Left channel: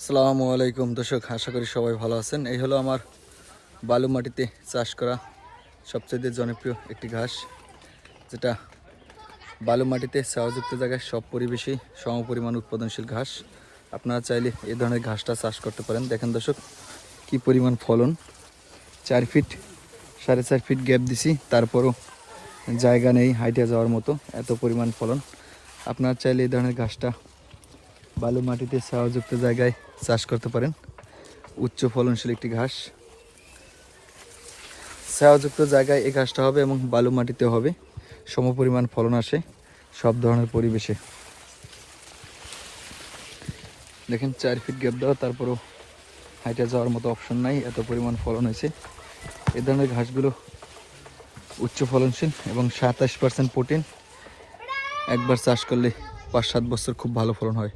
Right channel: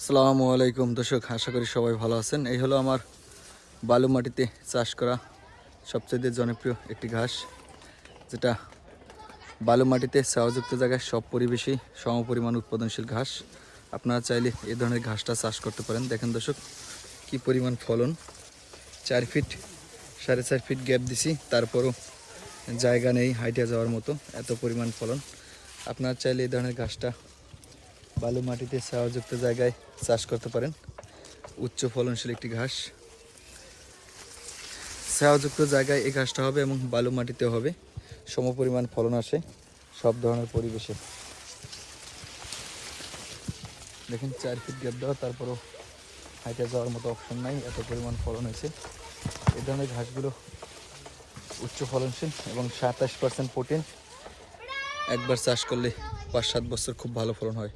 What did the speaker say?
আসসালামু আলাইকুম দর্শক, আশা করি সবাই ভালো আছেন। এই হলো আমার বালু মাটিতে চাষ করা সবচেয়ে জনপ্রিয় একটি ঘাস, যেটা বালু মাটিতে ছায়াযুক্ত জায়গায় সব পরিবেশেই সমপরিমাণ উৎপাদনশীল ঘাস। আপনারা চাইলে এই ধরনের ঘাসটা চাষ করতে পারেন। দেখেন দর্শক, কি পরিমাণ ফলন। 4 ফিট 4.5 ফিট গ্যাপ দিছি, তারপরও জায়গা নেই হাইটে যাওয়ার মতো, এত পরিমাণ ফলন। আপনারা চাইলে এই ধরনের ঘাসটা বালু মাটিতে ছায়াযুক্ত জায়গায় চাষ করতে পারেন। উচ্চ ফলনশীল একটি ঘাস, ছায়াযুক্ত জায়গায় এই ঘাসটা হবে এবং বালু মাটিতে হবে, সমপরিমাণ ফলন আসে সব ধরনের পরিবেশে। দেখেন 4 ফিট গ্যাপ দেওয়া, তারপরও হাইটে যাওয়ার মতো অপশন নাই, এত পরিমাণ ফলন হয়েছে। এ ধরনের ঘাসগুলো উচ্চ ফলনশীল এবং 27% প্রোটিন। একবার চাষ করলে 5-7 বছর খুব ভালো ফলন হয়।